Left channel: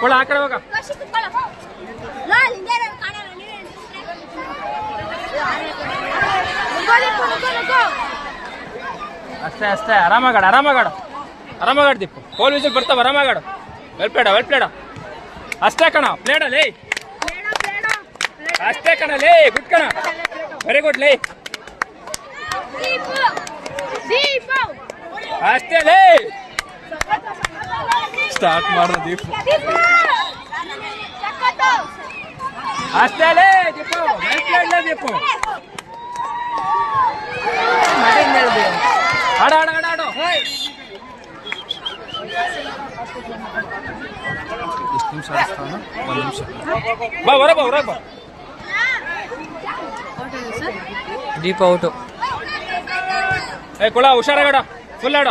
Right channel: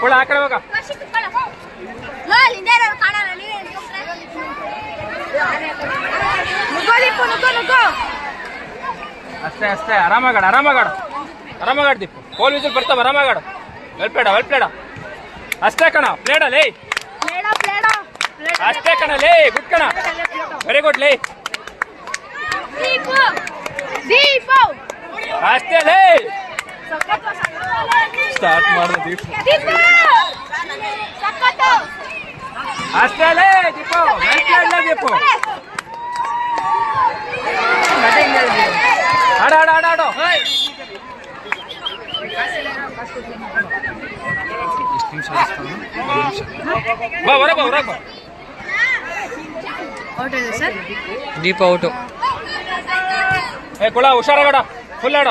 ಕೂಡ ಆ ಕಡೆ ಹೋಗ. ಅಷ್ಟೇ ಅಷ್ಟೇ, ಆರಾಮಾಗಾಡ ದೀಪು. ಗೋಲ್ ವಿಸಿಲ್ ಬರ್ತಾವ, ಆರಾಮಾಗಾಡು. ವೆಲ್ ಪ್ಲೇಡ ಅಷ್ಟೇ ಕಣ. ಪ್ಲೇಡ ಲೇ, ಅಷ್ಟೇ ಕಣ ಲೇ, ಗುಡ್ ಕಣ, ವೆರಿ ಗುಡ್ ಲೇ, ಅಷ್ಟೇ ಲೇ. ಸ್ಟಾರ್ಟ್ ಮಾಡೋ ದೀಪು, ಅಷ್ಟೇ ಲೇ ದೀಪು, ವೆಲ್ ಪ್ಲೇಡ್ ದೀಪು. ಆಡೋ ಎಷ್ಟು ನಿಮಿಷ ಆಡಿಸ್ತಾನು? 1 ನಿಮಿಷ. ಬಾ ಹೊರಗೆ ಬಾ. ದೀಪ ಔಟು. ಕುಳ ಹುಷಾರಾಗಡ, ಫುಲ್ ಆಡ.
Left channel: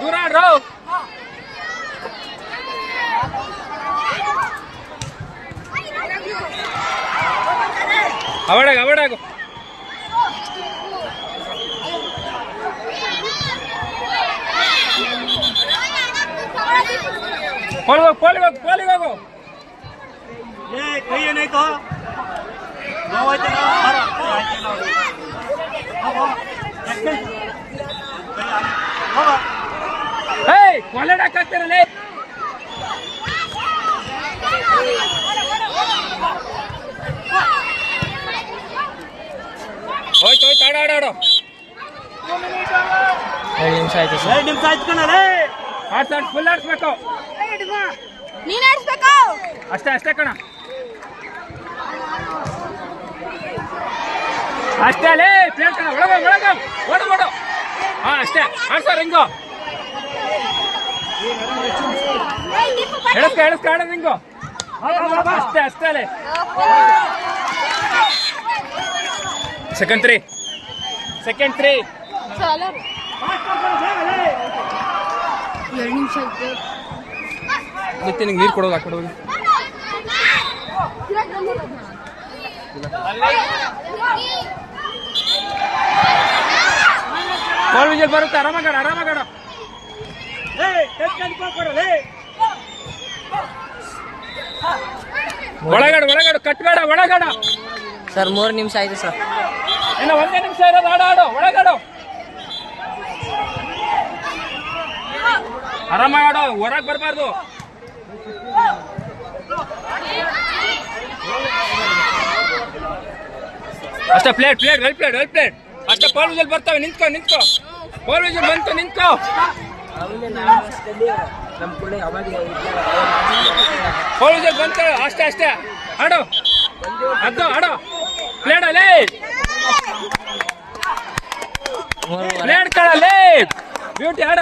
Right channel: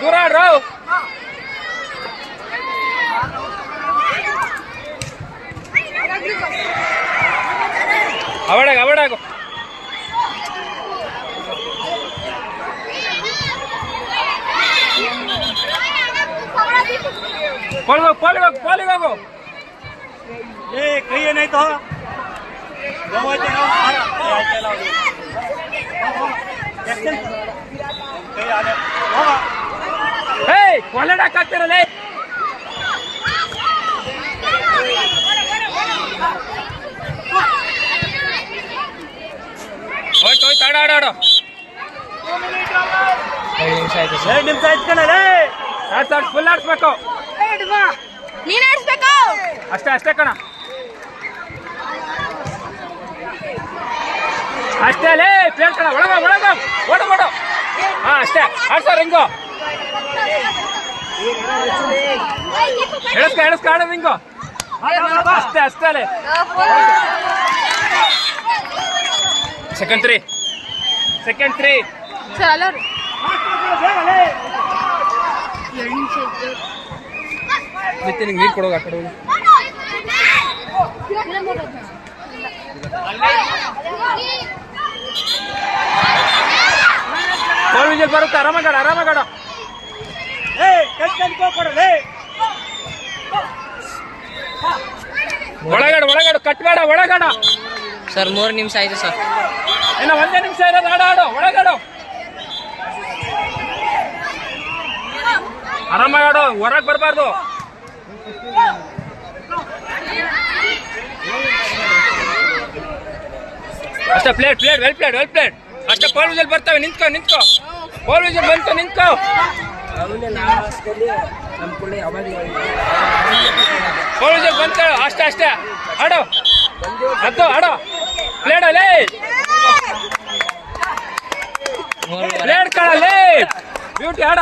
ದೂರ ಆಡ್ರ. ಅವಡಾಗು. ಹೋಗು. ಕೈ ಏನಾಯ್ತು? ಕೊಲೆಡಾಕಾಗ್ತಿರಲ್ಲ. ಹೋಯ್ತು ಆಡಾಡೋ. 2 ನಿಮಿಷ ಆಯ್ತು. 2 ನಿಮಿಷ ಆಯ್ತು ಕಣಲೇ. ಫುಲ್ ಆಡಿಸ್ಬೇಕು. ನೀನ್ ಆಡಿಸ್ಬೇಕು. ಅಷ್ಟೇ ಕಣ, ಅಷ್ಟೇ ಲೇ. ಪ್ಲೇಟ್ ಕಣ, ಒಳಗ ಓಡು. ಹಾ ಅಷ್ಟೇ ಆಡ್ಸಾರ. ಹಿಂಗೋ ಎಳಸ್ಕ ಆಡೋದು ಹಿಂಗೋ. ಅಷ್ಟೇ ಲೇ. Second three. ಚಲೋ. 2 ನಿಮಿಷ ನಿತ್ಯ. ನೀರು ಕೊಡೋದು ಆ ಕಡೆ ಹೋಗಿ. ಬರುತ್ತೆ, ಆರಾಮಾಗಾಡ. ಒಳಗಾಡು ಕಟ್ಬೇಡ, ಒಳಗಾಡ. ಸರ್ 3 ನಿಮಿಷ ಆಯ್ತು ಸರ್. ಇನ್ನು 1 ನಿಮಿಷ ಇರೋದು. ಆಡೋ ಒಳಗಾಡು. ಆರಾಮಾಗಾಡು, ಹೊರಗೆ ಬರಬಾರ್ದು. ಅಷ್ಟೇ. ಪ್ಲೇಟ್ ವೆಲ್ ಪ್ಲೇಡ್ ಅಷ್ಟೇ. ಪೋಲ್ ವಿಷಲ್ ಬರ್ತವೆ. ನಿಂತ್ಕೋ. ಪೋಲ್ ವಿಷಲ್ ಬಂತು, ನಿಂತ್ಕೋ. ಪೋಲ್ ವಿಷಲ್ ಬಂತು, ಅಷ್ಟೇ. ಆಡೋ ಪ್ಲೇಡಲ್ಲೇ. ಪ್ಲೇಡ್ ಕಣಲ್ಲೇ. ಬ್ಯೂಟಿ. ಆಡ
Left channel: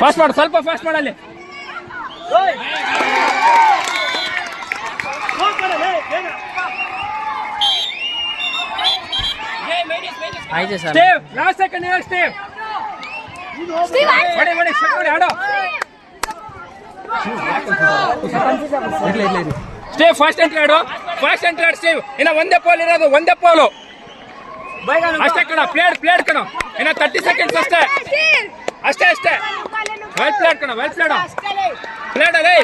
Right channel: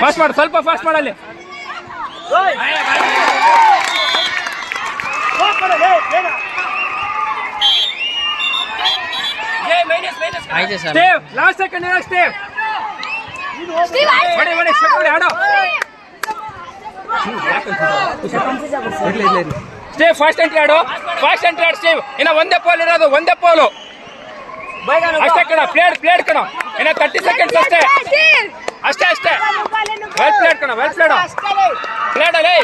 ಫಾಸ್ಟ್ ಮಾಡು, ಸ್ವಲ್ಪ ಫಾಸ್ಟ್ ಮಾಡಲ್ಲಿ. ಆಯ್ತು ಸರ್. Last second stave. ಆಡೋ ಸ್ಟೇವ್. ಫಾಸ್ಟ್ ಎಂಟ್ರಿ ಆಡು ಸ್ಟೇವ್. ಇನ್ನ ಒಂದೇ ಪೋಲ್ ಇರೋದು, ಅಷ್ಟೇ ಕಣ. ಪ್ಲೇಡ್ ಕಣ. ಇನ್ನ 30 ಸೆಕೆಂಡ್ಸ್ ಅಷ್ಟೇ. ವೆಲ್ ಪ್ಲೇಡ್ ಕಣ, ಪ್ಲೇಡ್ ಅಲ್ಲೇ.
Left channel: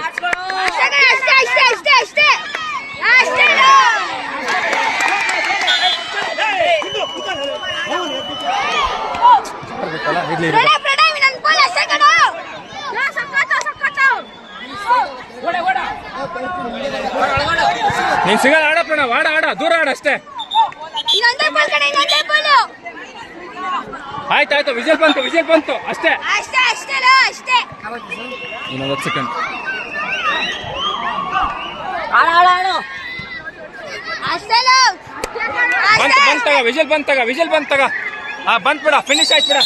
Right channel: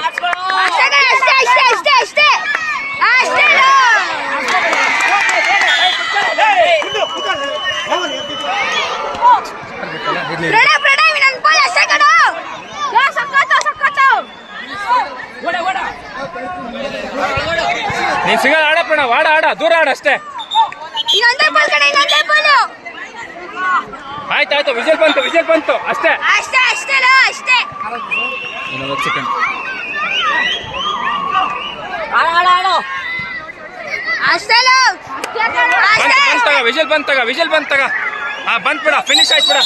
ನೀನ್ ಸಿಗಲ್ಲ. ಆಡಪ್ಪಣ, ಆಡ ದೂರ ಅಷ್ಟೇ. ಆಯ್ತು. ವಿಜಲ್ ಬಂತು ಅಷ್ಟೇ. ಇನ್ನು 10 ಸೆಕೆಂಡ್. ವಿಜಲ್ ಬಂತಾಗ ಬಂದ್ ಬಿಡ, ಫಿನಿಶ್ ಆಯ್ತು ಬಿಡ.